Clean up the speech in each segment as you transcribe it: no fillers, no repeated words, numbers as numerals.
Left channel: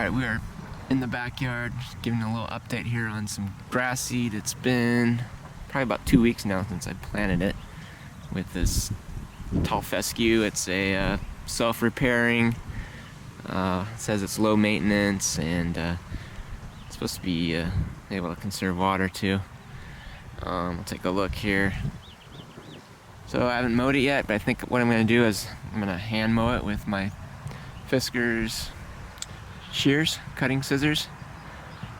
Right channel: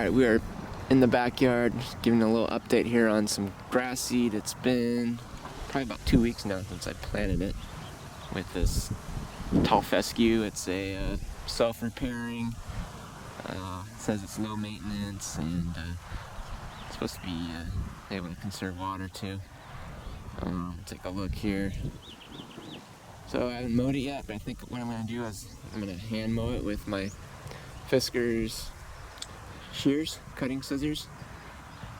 Alright, we are in the backyard, just giving a little update here on some grass seed. It's been probably about 2 weeks now since I planted it with this tall fescue. It's a self-repairing, it says it's low maintenance, and it's supposed to be able to conserve water too. I'll take a look here. So I haven't mowed it yet, but I think what I'm going to do is I'm going to hand mow it with my Fiskars shears, cutting scissors.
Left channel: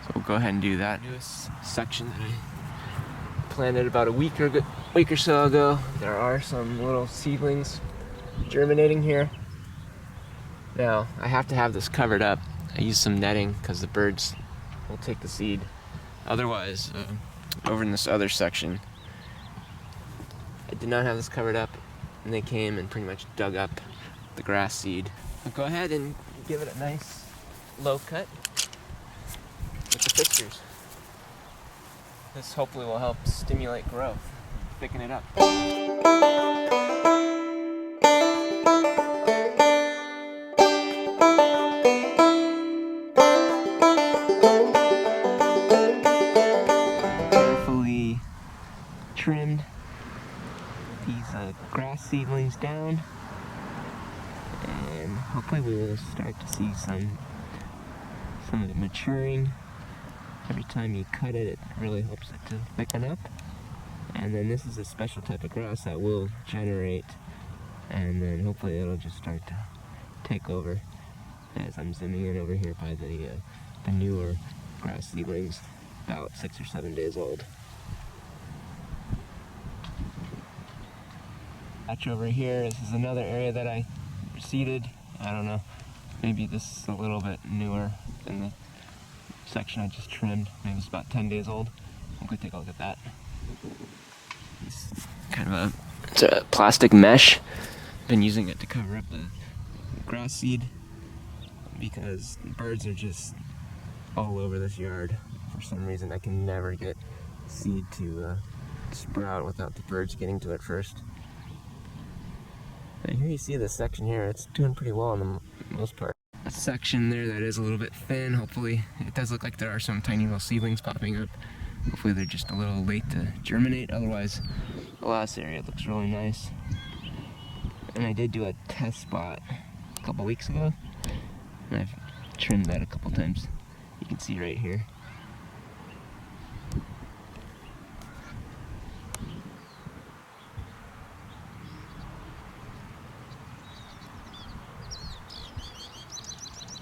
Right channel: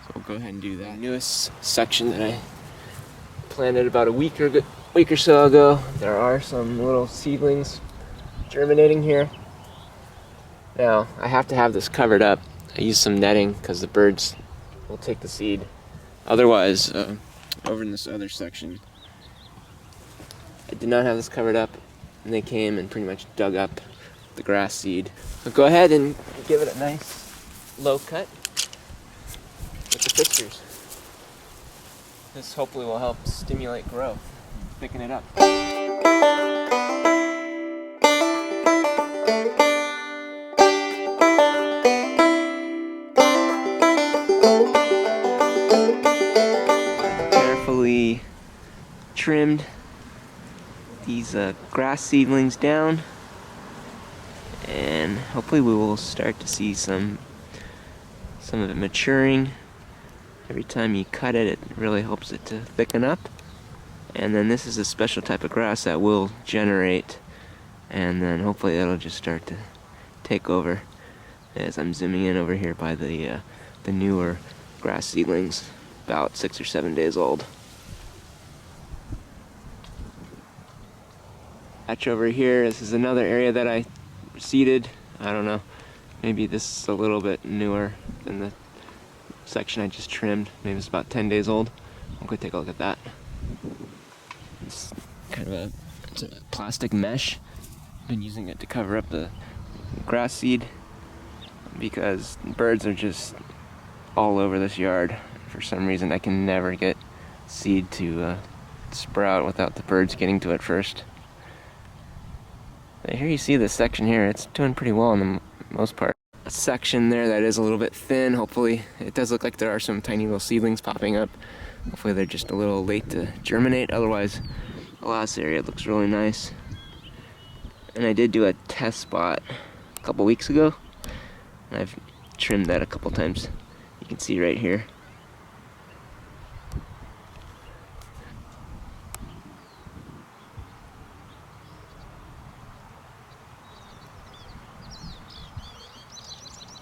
So we'll go ahead and do that. Newest section that I planted about a week or so ago. There are some little seedlings germinating here. Now I have to have this covered up. I use some netting because the birds will take the seed. Otherwise, over in this other section, I did not have this covered up, and they came and pretty much dug up the grass seed. I'll go ahead and give it a nice low cut with the Fiskars. This hopefully will help stimulate growth, thicken it up. Carefully trimmed these grass seedlings down, and hopefully we will start to see some of it maturing. Every time you cut it, it really helps it to thicken up. And then this is a special type of grass that will generate, and then hopefully it'll just start to take over as I'm zooming in over here by the newer grass seedlings, about 6 or 7 days old. Patch over here, this is another area that I seeded. I don't know, maybe this is a little bit newer than the section I just trimmed. Maybe it's about 10 days old. I'll go take a look at that. It's kind of it's a plastic mesh. I've been using it to cover up the grass seed because birds are just all over this yard. For some reason I can never get seed to sprout without the birds getting to it first. But here you see this section here, it's doing pretty well in the most part. A section there that is a little bit thin, hopefully. It does look like there are some tiny little seedlings popping up. Hopefully they're just a little late to germinate, otherwise the last area looks really nice. And I did do a test spot a couple weeks ago, and I've trimmed that a couple times. You can see right here.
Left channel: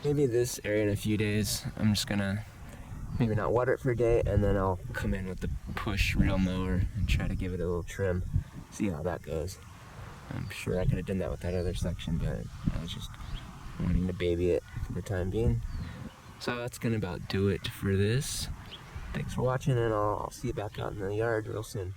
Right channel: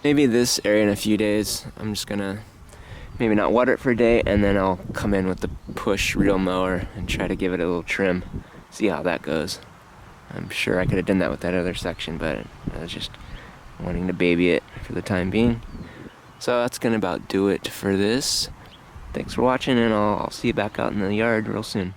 Maybe this area in a few days, I'm just gonna maybe not water it for a day, and then I'll come in with the push reel mower and try to give it a little trim, see how that goes. I'm sure I could have done that with that other section, but I was just wanting to baby it for the time being. So that's gonna about do it for this. Thanks for watching, and I'll see you back out in the yard real soon.